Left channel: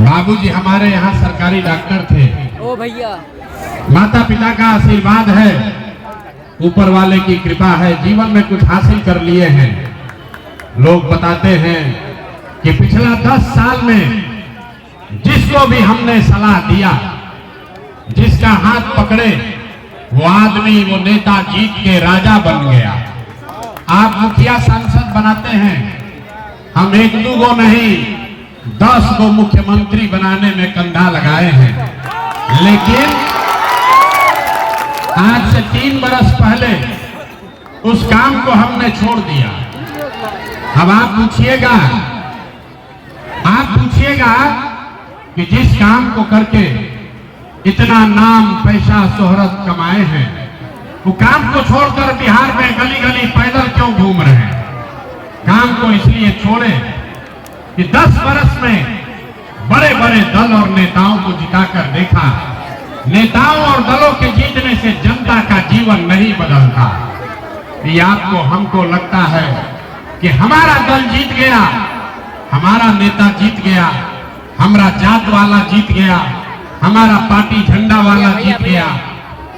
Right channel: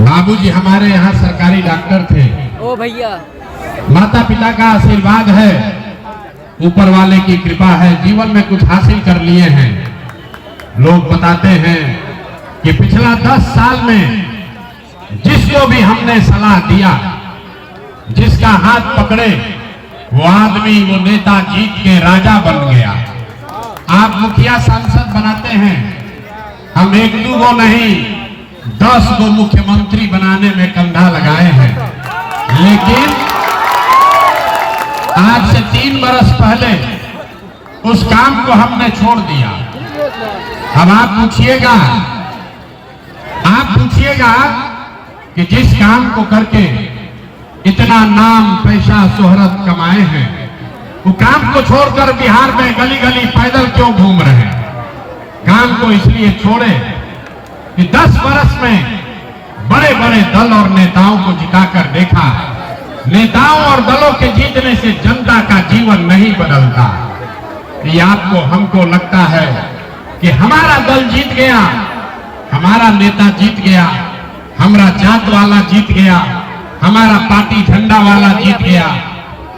बाबूजी हमारे यहाँ सरकारी डॉक्टर थे। ओ भैया, माता पिता का आशीर्वाद है, ऊपर वाले की कृपा है, जीवन में कुछ हासिल कर लिए हैं। लोग बताते हैं कि पिछला 10 साल में जिसको भी हमने सलाह दिया, जिसका हाथ पकड़े, वो आदमी, वो नेता जीत के राजा बन गया। आप मुखिया सांसद बनाते हैं, हम 1-2 गो नहीं 10 गो मुख्यमंत्री बनाने में कंधा लगाए हैं। लेकिन आज से 3 बरस पहले उस काम को हमने छोड़ दिया। अब आप पूछिएगा कि जिस काम को करके इतना नाम, पैसा, शोहरत कमाए हैं, वो काम को छोड़कर बिहार में गली गली पैदल क्यों घूम रहे हैं? काम को इसलिए छोड़े कि 10 बरस में बड़े बड़े दल और नेताओं को जिताकर देखा, नेताओं और दलों के जीतने से जनता का जीवन नहीं बदलता। ये आपको, हमको लगता है कि हमारा दल जीत गया, हमारा नेता जीत गया, हमारा जात वाला जीत गया, हमारा पार्टी झंडा वाला जीत गया।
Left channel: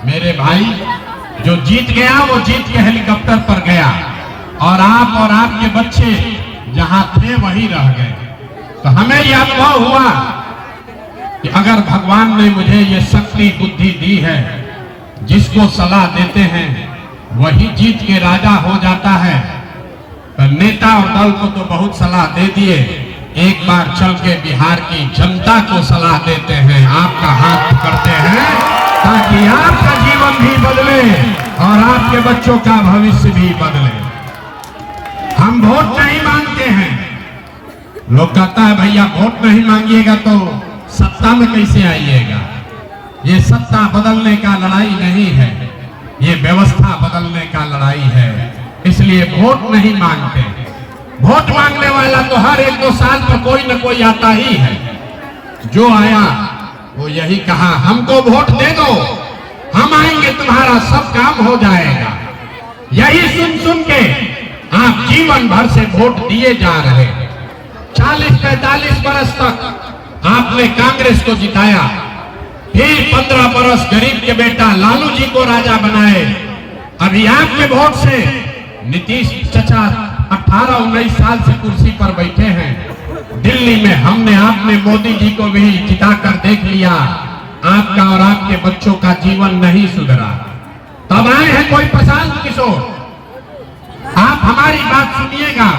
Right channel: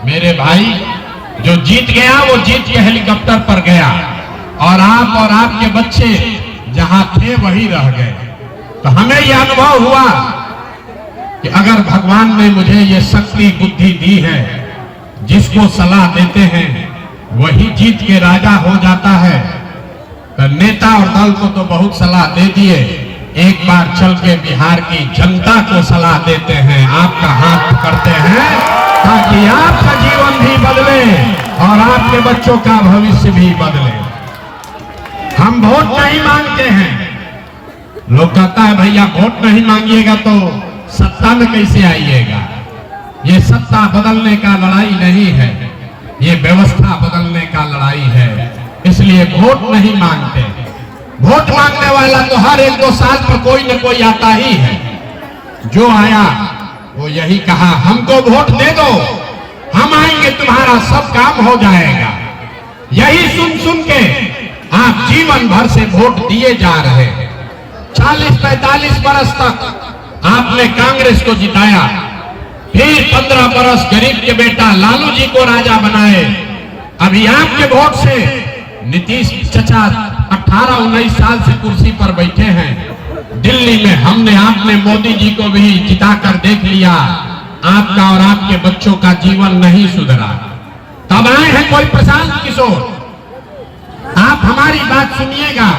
मेरे भाई, जो जीत गया वो जीत के हेलीकॉप्टर पर गया, और आप और आपके बच्चे जहां थे वही रह गए। तो हमें यह अनुभव हुआ कि अगर भगवान ने मुझे ये शक्ति, बुद्धि दी है, जिसको सलाह देते हैं वही जीत के राजा हो जाता है। तो नेता और दल को तो बहुत सलाह दे दिए, एक बार चल के बिहार की जनता को सलाह देते हैं, आपका हाथ पकड़ते हैं, ताकि आपका जीवन भी बदले और आपके बच्चों का भविष्य भी बदले। हम वोट नहीं मांगते हैं। लोग कहता है भैया वोट नहीं मांगिएगा तो सत्ता में कैसे आइएगा? ये सत्ता बदलने का लड़ाई नहीं है, ये व्यवस्था बदलने का लड़ाई है। इसलिए वोट नहीं मांगते। वोट मांगने वाला तो हर 1-2 साल पर कोई न कोई आता ही है। जो आया वो यही कहा, हमको वोट दे दो, हम आएंगे, तुम्हारा सब काम हो जाएगा। यही सुन सुन के आप जीवन भर से वोट दिए जा रहे हैं। 40-45 बरस तक आपने कांग्रेस को जिताया, फिर 15 बरस गरीब के बेटा लालू जी को राजा बनाए। अभी आपके वोट से नीतीश चचा 18-19 साल से कुर्सी पर बैठे हैं। दिल्ली में हमने, आपने मोदी जी को भी जिताकर देख लिया। आपका और आपके बच्चों का जीवन नहीं सुधरा। तब आए हैं कोई प्रशांत किशोर। आप हमारी बात सुनिएगा,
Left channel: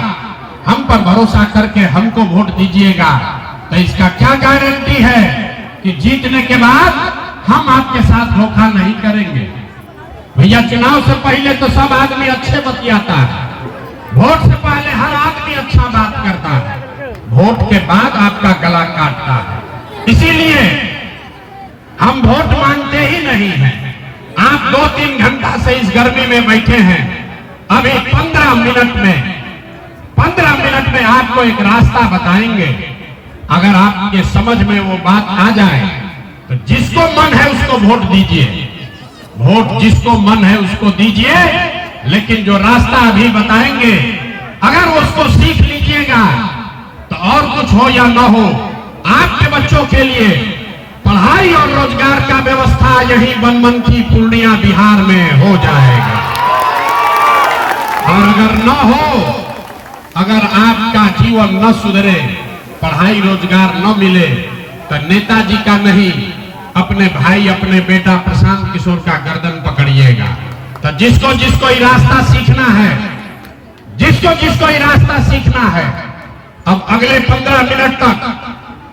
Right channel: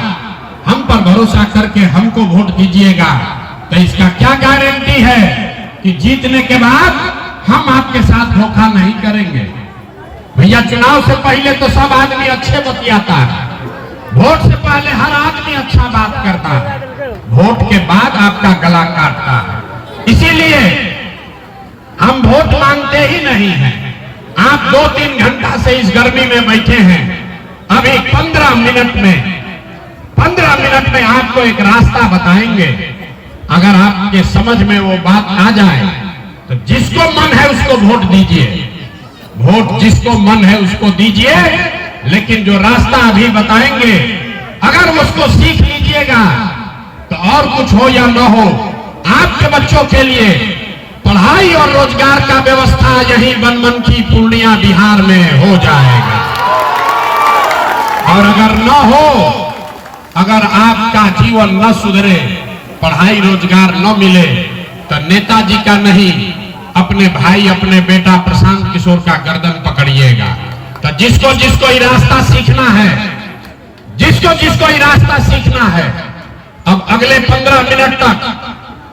हम पर भरोसा करके हमको वोट दीजिएगा। तो इसका क्या गारंटी है कि जीतने के बाद हम आपके साथ धोखा नहीं करेंगे? भैया, चुनाव से पहले तो सब आदमी अच्छे बतियाता है, वोट से पहले हर आदमी अच्छा बात करता है, वोट के बाद आपका गला काटता है। इसीलिए हम वोट मांगते ही नहीं हैं। आप 2-3 घंटा से इस गर्मी में बैठे हैं। अभी 15 मिनट में आपको एक रास्ता बताएंगे। अगर आपके समझ में वो बात आ जाए तो जिसको मन है उसको वोट दीजिए, वोट जिसको मन है उसको दीजिए। लेकिन जो रास्ता अभी बताएंगे, अगर उसको सीख लीजिएगा तो और कुछ हो या ना हो, आपके बच्चों के लिए पढ़ाई और रोजगार का व्यवस्था यही बनमनखी पूर्णिया बिहार में हो जाएगा। और अगर न हो, अगर आपका जीवन न सुधरे, पढ़ाई रोजगार न मिले, तो नेताजी का नहीं, अपने भाई, अपने बेटा प्रशांत किशोर का गर्दन पकड़िएगा। तो जिसको जिसको ये रास्ता सीखना है, जिसको ये रास्ता सीखना है, अब अगले 15 मिनट तक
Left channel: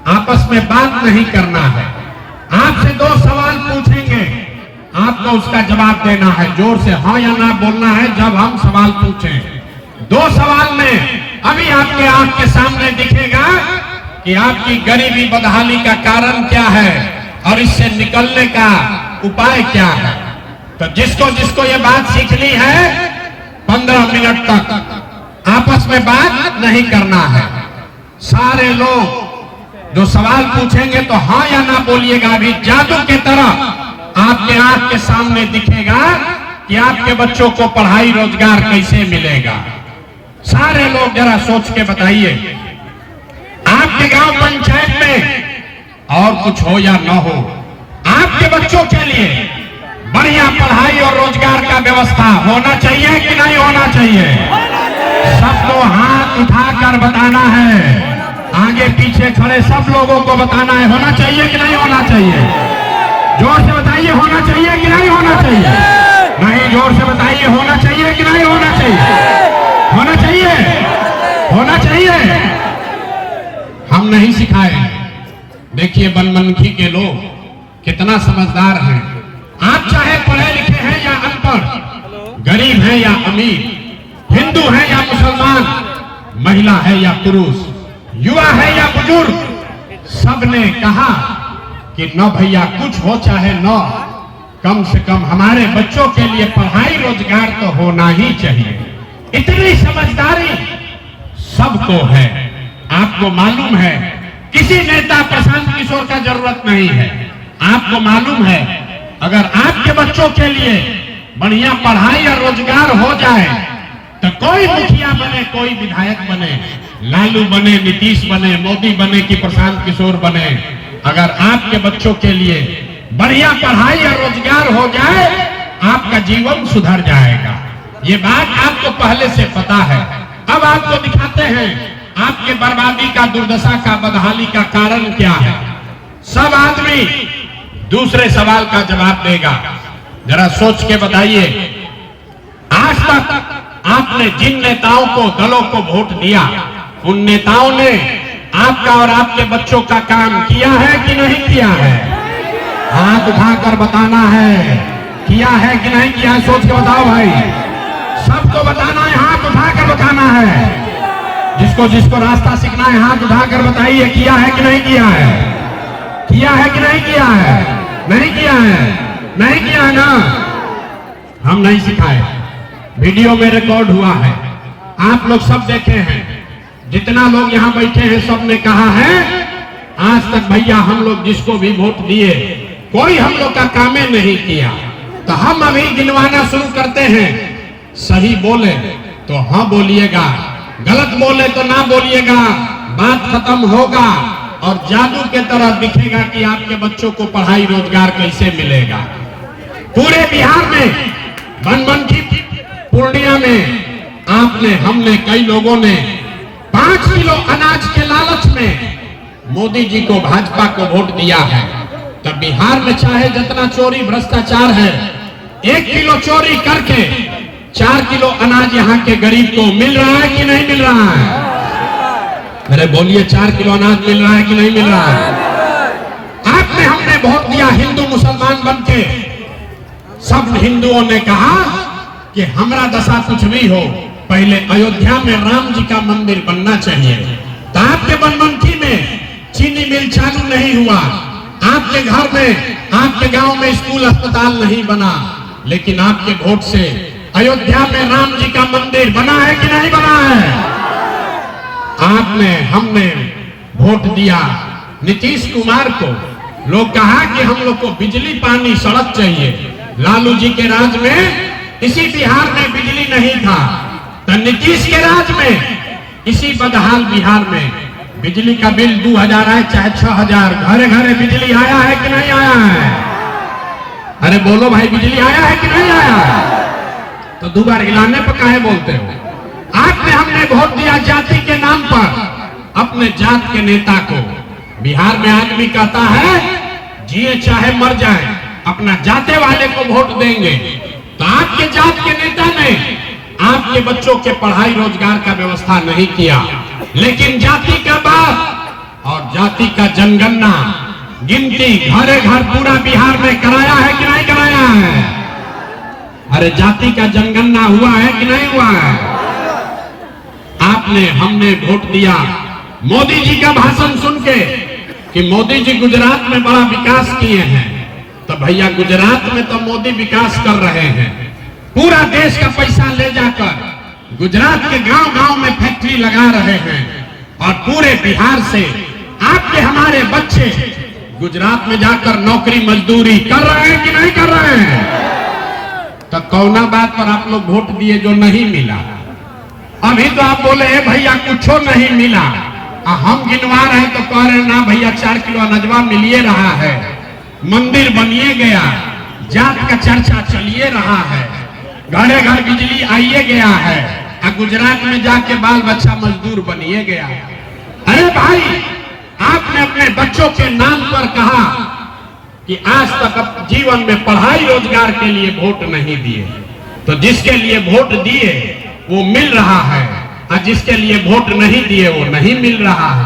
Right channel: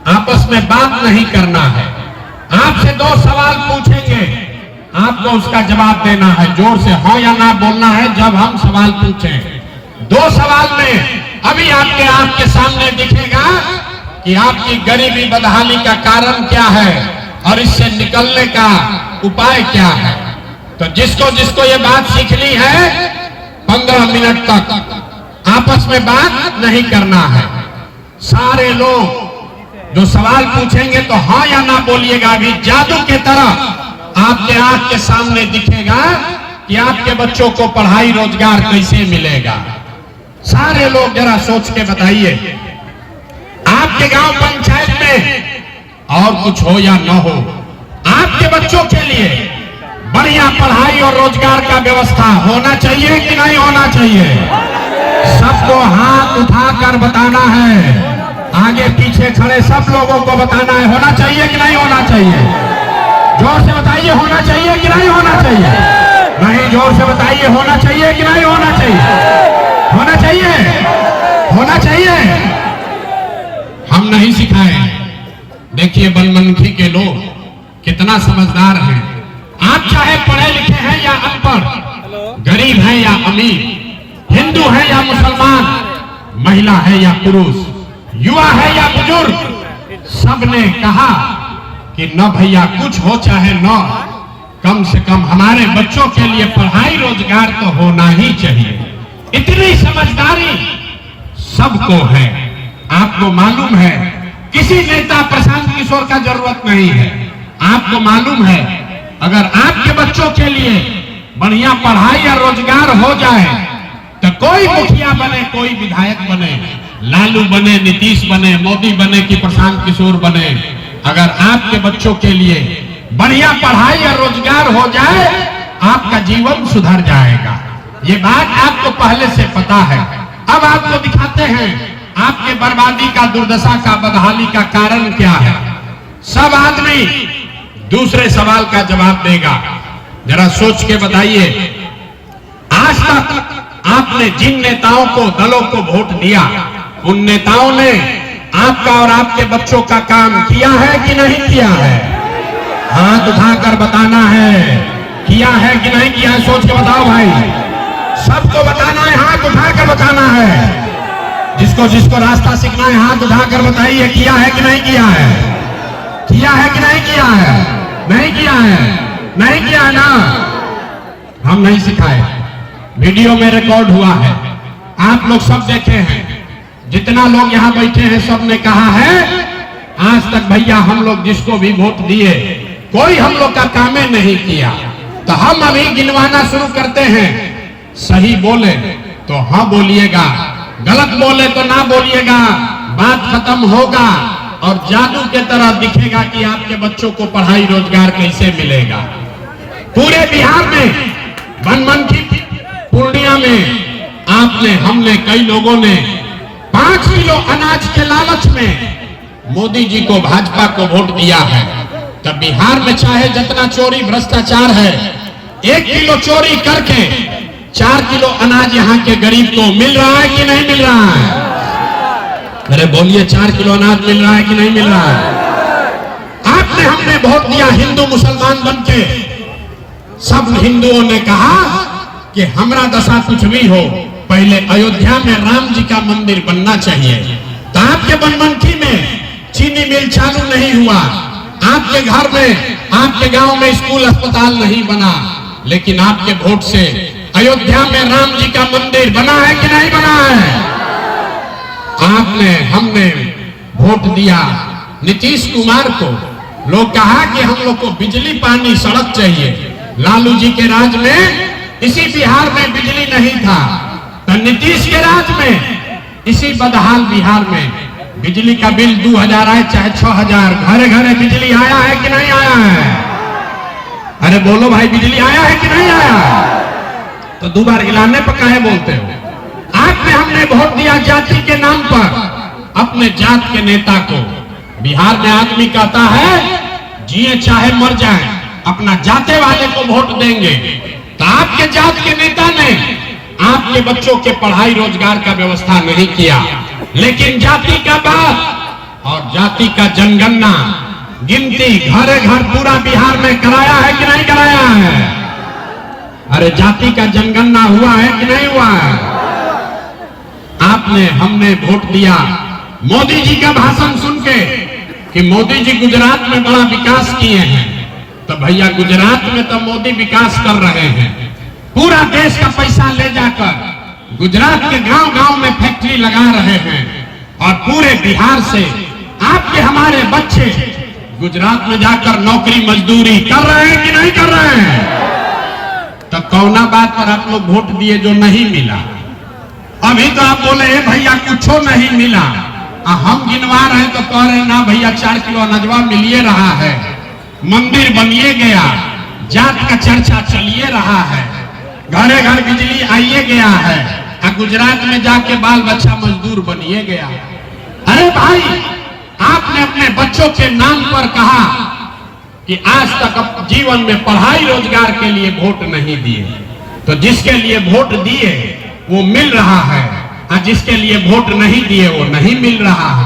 आपस में बात नहीं करना है। आपसे 2 सवाल पूछेंगे, आपको उसका जवाब देना है। जोर से हाँ या ना बोलना है जब हम सवाल पूछें। 2 सवाल में अभी आपके आंख के सामने दिखेगा कि आपकी गरीबी बदहाली का कारण क्या है और इससे निकलने का उपाय क्या है। तो जिसको जिसको ये बात सीखनी है, 15 मिनट तक आपस में बात नहीं करना है। सारे लोग जो सवाल पूछेंगे तो हाँ या ना बोलिएगा। अभी जादू के तरह आपके आंख के सामने दिखेगा कि आपके बच्चों को पढ़ाई रोजगार कैसे मिलेगा। सारे लोग जरा सोच के बताइए, आपके गांव पंचायत में और कुछ हो या न हो, आपके बच्चों के लिए बढ़िया पढ़ाई और रोजगार का व्यवस्था होना चाहिए कि नहीं होना चाहिए? सबको हाथ उठाकर बताना है, आगे पीछे खड़े सब लोगों को बताना है, होना चाहिए कि नहीं होना चाहिए? जोर से बताइए, होना चाहिए कि नहीं होना चाहिए? नहीं, जोर से बताइए, होना चाहिए कि नहीं होना चाहिए? होना चाहिए, होना चाहिए। हम नहीं सिखाए। देखिए बनमनखी के लोग कितना समझदार हैं। आप चाहे पढ़े लिखे हैं या अनपढ़, गरीब हैं या अमीर, हिंदू है या मुसलमान, महिला है या पुरुष, युवा है या बुजुर्ग, सबने कहा कि न भैया कुछ हो चाहे न, कम से कम हमारे बच्चों के लिए पढ़ाई रोजगार तो होना ही चाहिए। इतनी समझदारी सबको है। आपको मालूम है किसी नेता प्रशांत किशोर का जरूरत नहीं है। आपको मालूम है अगर आपके बच्चों के लिए बढ़िया पढ़ाई और रोजगार हो जाए तो कोई मुखिया बने, कोई विधायक बने, लालू बने, नीतीश बने, मोदी बने कि प्रशांत किशोर बने, अगर आपके बच्चों के लिए बढ़िया पढ़ाई और रोजगार हो जाए आपका जीवन सुधर जाएगा। ये बात आपको पहले से पता है। अब आपको दिखाते हैं आपके बर्बादी का, दुर्दशा का, बदहाली का कारण क्या है। सब आदमी दूसरे सवाल का जवाब देगा। जरा सोच के बताइए, आज तक आपने जिन नेताओं को, दलों को वोट दिया, उन नेताओं ने आपका और आपके बच्चों का काम किया है कि नहीं किया है? हाथ उठाकर बताना है, किया है कि नहीं किया है? सोच के बताओ भाई, सबको बताना है, हाथ उठाकर बताना है। जिसको जिसको रास्ता सीखना है हाथ उठाकर बताइए, किया है कि नहीं किया है? किया है कि नहीं किया है? नहीं किया है, नहीं किया है ना? हम नहीं सिखाए। वीडियो में रिकॉर्ड हुआ है, आप लोग सब देखे हैं। जितना लोग यहाँ बैठे हैं सब ने कहा है आज तक भैया हम लोग जिसको भी वोट दिए कोई हम लोग का कामे नहीं किया। तो हम अभी गिनवाना शुरू करते हैं। सही बोले तो हाँ बोलिएगा, गलत बोले तो ना बोलिएगा। बात खत्म होगा और जादू के तरह दिखेगा कि आपके बच्चों को पढ़ाई रोजगार कैसे मिलेगा। पूरे बिहार में, बनमनखी पूर्णिया में आपने, हमने, कई लोगों ने 5 किलो अनाज के लालच में मोदी जी को, भाजपा को वोट दिया है। तब बिहार में चाहे जितना चोरी भ्रष्टाचार है, 1 किलो चोरी करके 4 किलो अनाज यहाँ के गरीब को मिल रहा है कि नहीं मिल रहा है? अरे बोलिए, 4 किलो अनाज मिल रहा है कि नहीं मिल रहा है? आपने, हमने वोट दिया हिंदू मुसलमान बनके। सब हिंदुओं ने कहा कि हमारा दशा कुछ भी हो, पहले अयोध्या में राम जी का मंदिर बनना चाहिए। तो आपके बनमनखी में चीनी मिल चालू नहीं हुआ, आपके घर में, आपके गांव में स्कूल अस्पताल नहीं बना, लेकिन आपके वोट से अयोध्या में राम जी का मंदिर बना है कि नहीं बना है? आपने, हमने वोट दिया नीतीश कुमार को। लोग कहा कि हम लोग को बिजली, पानी, सड़क चाहिए। लालू जी के राज में इसी बिहार में बिजली नहीं था, तो नीतीश के राज में इसी बदहाल बिहार में बिजली का बिल 2000 आए चाहे 6000, घरे घरे बिजली आया है कि नहीं आया है? अरे बोलो भाई, बिजली आया है कि नहीं आया है? तो 2 बार हिलाने पर काहे बोलते हो? आपने, हमने वोट दिया जाति के नाम पर अपने जात के नेता को। बिहार में आदमी कहता है जिए चाहे मर जाए अपना जाते वाले को वोट देंगे। तो आपके जात के नेता ने आपके बच्चों के पढ़ाई रोजगार का व्यवस्था नहीं किया, लेकिन जाति का बात और जाति का जनगणना, गिनती घरे घर पूरा बिहार में कराया है कि नहीं कराया है? अरे जाति का जनगणना हुआ है कि नहीं हुआ है? आपने, हमने वोट दिया मोदी जी का भाषण सुन के कि मोदी जी गुजरात में बड़ा विकास किए हैं। तो भैया गुजरात में तो मोदी विकास कर रहे हैं, पूरा देश का पैसा ले जाकर गुजरात के गांव गांव में फैक्ट्री लगा रहे हैं और पूरे बिहार से आपके, हमारे बच्चे गुजरात में जाकर नौकरी मजदूरी कर रहे हैं कि नहीं कर रहे हैं? तो कौना बात पर आप लोग वोट दिए जो नहीं मिला? अभी तो आप बोले भैया कुछो नहीं मिला, हम गिनवा रहे हैं तो कह रहे ना भैया 4 किलो अनजवा मिलिए रहा है, मंदिर बनिए गया, जात का चर्चा चलिए रहा है, घरे घर बिजली आइए गया है, और गुजरात में जाके बाल बच्चा मजदूर बनिए गया। अरे भाई, आपने अपने बच्चों के नाम पर कहा कि आज तक जीवन में पढ़ाई रोजगार के लिए वोट नहीं दिए, तो जिसके लिए वोट दिए वो मिल रहा है, और जिसके लिए वोट नहीं दिए वो नहीं मिल रहा है।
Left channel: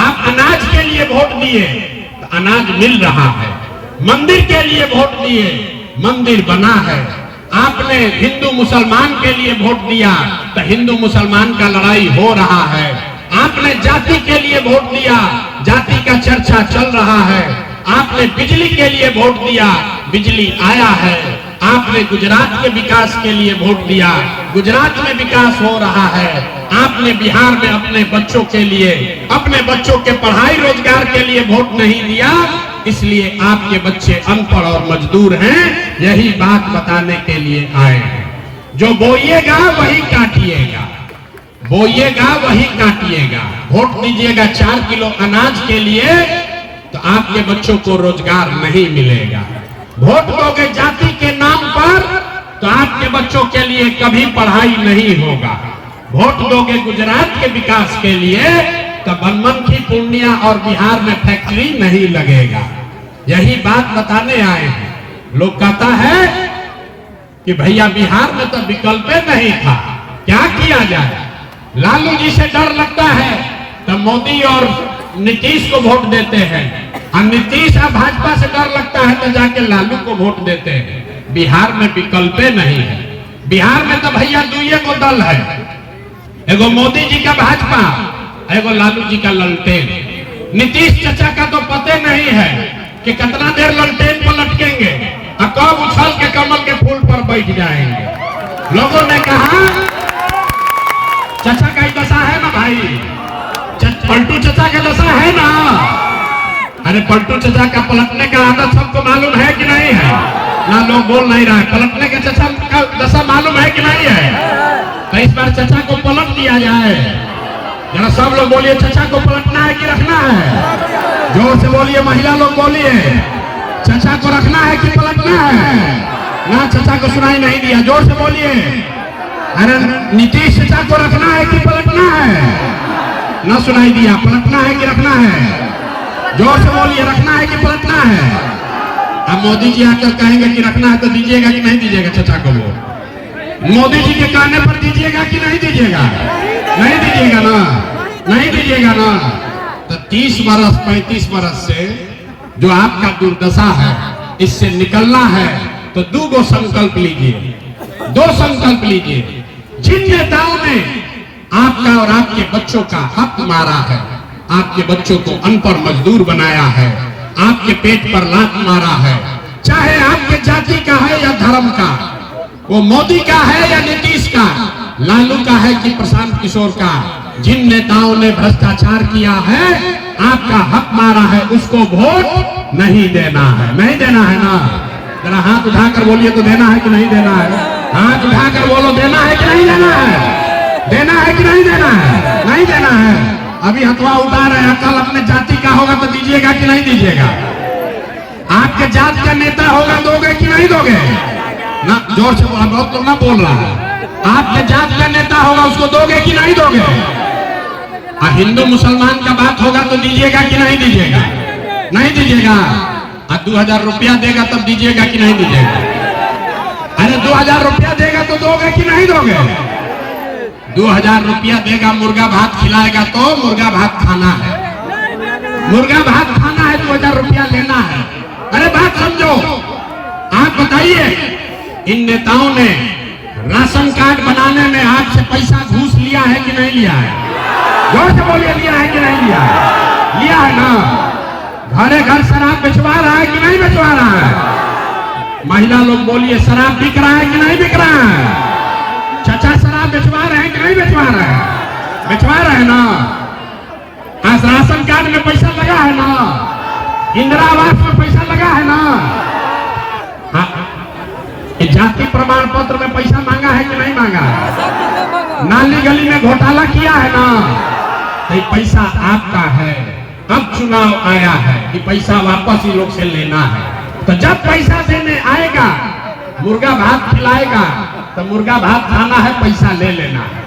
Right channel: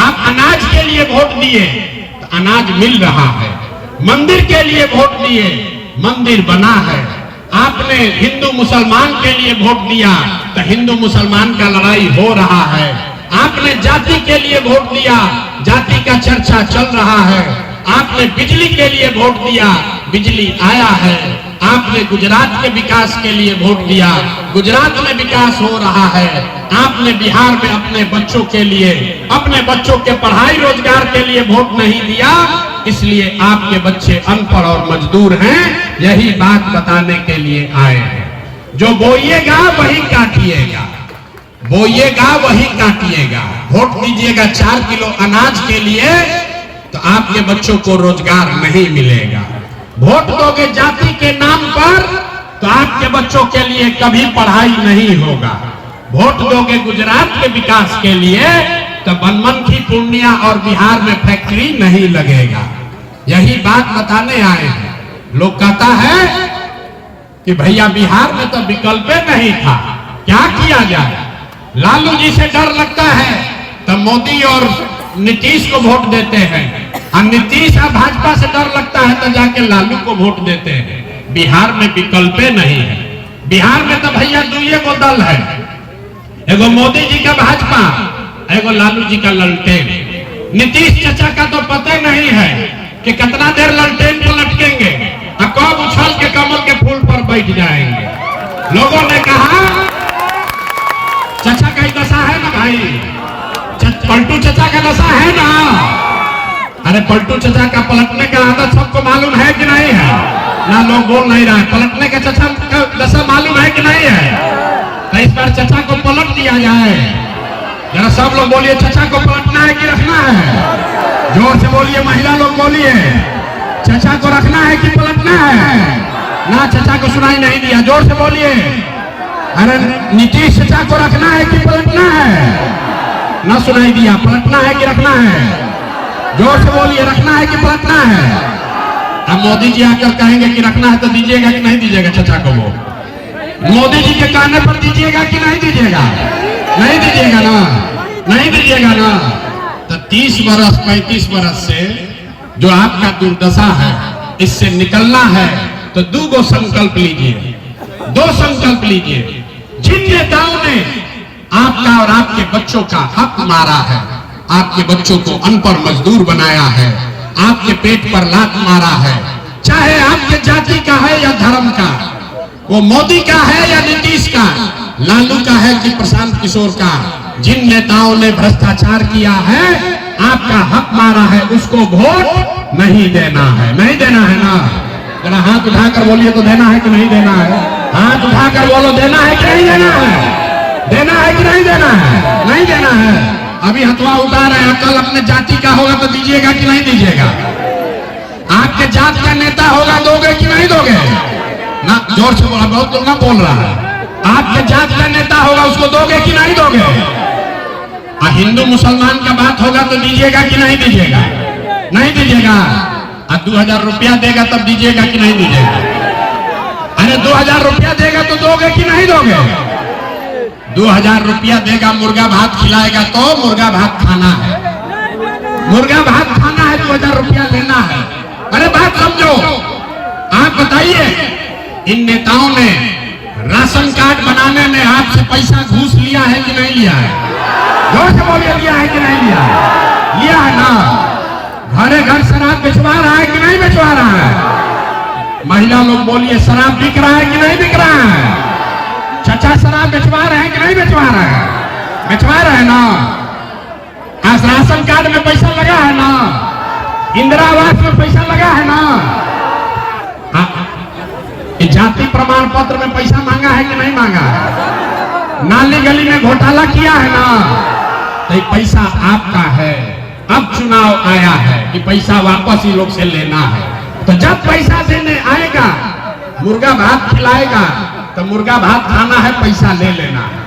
आप अनाज के लिए वोट दिए तो अनाज मिल रहा है, मंदिर के लिए वोट दिए मंदिर बना है, आपने हिंदू मुसलमान के लिए वोट दिया तो हिंदू मुसलमान का लड़ाई हो रहा है, आपने जाति के लिए वोट दिया जाति का चर्चा चल रहा है, आपने बिजली के लिए वोट दिया बिजली आया है, आपने गुजरात के विकास के लिए वोट दिया गुजरात में विकास हो रहा है, आपने बिहार में अपने बच्चों के लिए, अपने बच्चों के पढ़ाई रोजगार के लिए वोट नहीं दिया, इसलिए आपके बच्चे अनपढ़ और मजदूर हैं। यही बात बताने के लिए आए हैं। जो बोइएगा वही काटिएगा, बोइएगा वही काटिएगा। वोट दीजिएगा 4 किलो अनाज के लिए तो आपके बच्चों को रोजगार नहीं मिलेगा। वोट दोगे जाति के नाम पर तो आपके बच्चों के लिए कभी पढ़ाई नहीं होगा। वोट दोगे गुजरात के विकास के लिए तो बनमनखी, पूर्णिया और बिहार में फैक्ट्री नहीं लगेगा। यही बात बताने आए हैं। लोग कहता है कि भैया बिहार में तो विकल्प नहीं था, क्या किया जाए? लालू जी से डर लगता है तो मोदी और नीतीश को वोट देते हैं, और नीतीश और भाजपा से डर लगता है तो जाके लालू को वोट देते हैं। बिहार में विकल्प नहीं है। बिहार में तो भैया दुइये को दल है, एगो मोदी जी का भाजपा, एगो लालू जी का ललटेन। नीतीश चाचा का तो पता नहीं है कि कितना देर ललटेन पर लटकेंगे और कब उछल के कमल के फूल पर बैठ जाएंगे। लोगों ने कहा चाचा का ही दशा है ना भाई, पलटू चाचा का दशा है ना। अरे पलटू चाचा का पलटने का आदत सबको मालूम है कि नहीं है? ना लोग बोल नहीं रहा है। पलटने के चाचा का दशा मालूम है कि नहीं है? तो इस बार चाचा को पलट दिया जाए। जरा सब लोग बोलिए, चाचा को पलटना है कि रखना है? जोर से बोलिए, महिला लोग बोलिए, चाचा को रखना है कि पलटना है? ना चाचा को सुनाई नहीं दिया, जोर से बोलिए। अरे नीतीश चाचा को रखना है कि पलटना है? ना सुनाई दिया, पलटना है कि रखना है? जोर से बोलिए, रखना है कि पलटना है? अब मोदी जी आकर कहेंगे कि रखना है तो दीजिएगा कि नहीं दीजिएगा चाचा को वोट? मोदी जी के कहने पर दीजिएगा कि नहीं दीजिएगा? नहीं दीजिएगा ना, नहीं दीजिएगा ना। तो 30 बरस 35 बरस से जो आपका दुर्दशा है, इससे निकलना है तो 2 संकल्प लीजिए, 2 संकल्प लीजिए। जिन नेताओं ने आपका और आपके बच्चों का हक मारा है, आपके बच्चों को अनपढ़ मजदूर बनाया है, आपके पेट पर लात मारा है, चाहे आपके जाति का है या धर्म का, वो मोदी का है या नीतीश का, लालू का है कि प्रशांत किशोर का, जिन नेताओं ने भ्रष्टाचार किया है, आपका हक मारा है, उसको वोट नहीं देना है। नहीं देना है ना? जरा हाथ उठाकर बोलिए तो देना है कि नहीं देना है? हाथ उठाकर बोलो, देना है कि नहीं देना है? देना है कि नहीं देना है? नहीं देना है। अभी हथवा उतार रहे हैं, कल अपने जाति का होगा तो दीजिएगा कि नहीं दीजिएगा? आपके जात का नेता होगा, दोगे कि नहीं दोगे? ना, जोर से बोला, बहुत लोग ना बोल रहा है। आपके जात का नेता होगा, उसको दोगे कि नहीं दोगे? हिंदू मुसलमान का बात होगा तो दीजिएगा कि नहीं दीजिएगा? नहीं दीजिएगा। 2000 रुपया देगा तब दीजिएगा कि नहीं दीजिएगा? अरे 2000 रुपया देगा तो दोगे कि नहीं दोगे? 2000 रुपया देगा, मुर्गा भात खिलाएगा तो मुर्गा भात खाना है, मुर्गा भात खाना है, 2000 रुपया लेना है। अरे बात समझो। आप बताइए, इन नेताओं ने राशन कार्ड बनाने में आपसे पैसा घूस लिया है कि नहीं लिया है? जोर से बोलिए, लिया है कि नहीं लिया है? लिया है ना? घरे घर शराब बेचवा रहा है कि नहीं बेचवा रहा है? महिला लोग बोलिए, शराब बिक रहा है कि नहीं बिक रहा है? चाचा शराब बेचवा रहे हैं कि नहीं बेचवा रहे हैं? बेचवा रहे हैं ना? आज राशन कार्ड में पैसा लगा है ना? इंदिरा आवास में पैसा लगा है ना? जाति प्रमाण पत्र में पैसा मांगा है कि नहीं मांगा है? नाली गली में घोटाला किया है ना? तो ये पैसा आपका है, अब चुनाव आया है कि पैसा वापस ही लोग से लेना है। तो जब पैसा देने आएगा, मुर्गा भात खिलाएगा, तो मुर्गा भात खाना है, पैसा ले लेना है।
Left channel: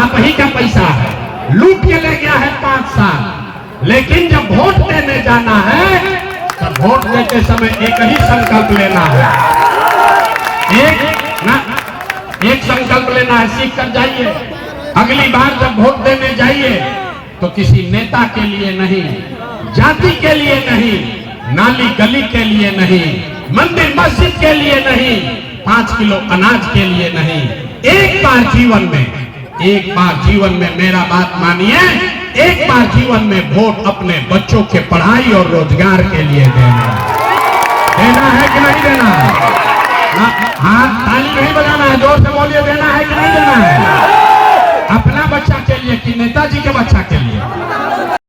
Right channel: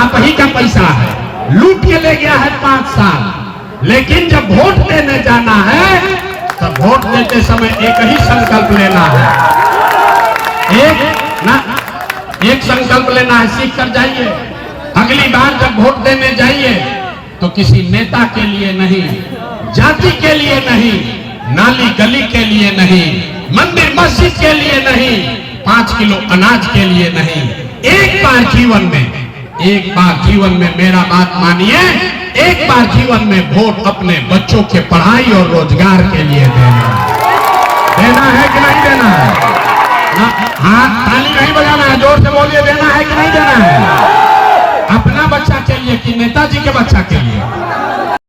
आप ही का पैसा है, लूट के ले गया है 5 साल। लेकिन जब वोट देने जाना है तो वोट देते समय एक ही संकल्प लेना है, एक संकल्प लेना है, सीख कर जाइए। अगली बार जब वोट देने जाइए तो किसी नेता के लिए नहीं, जाति के लिए नहीं, नाली गली के लिए नहीं, मंदिर मस्जिद के लिए नहीं, 5 किलो अनाज के लिए नहीं, एक बार जीवन में मेरा बात मानिए, एक बार जीवन में वोट अपने बच्चों के पढ़ाई और रोजगार के लिए देना है कि नहीं देना है? हाँ, ताली नहीं बजाना है, जोर से बोलिए, देना है कि नहीं देना है? अपना बच्चा के लिए कि नेताजी के बच्चा के लिए?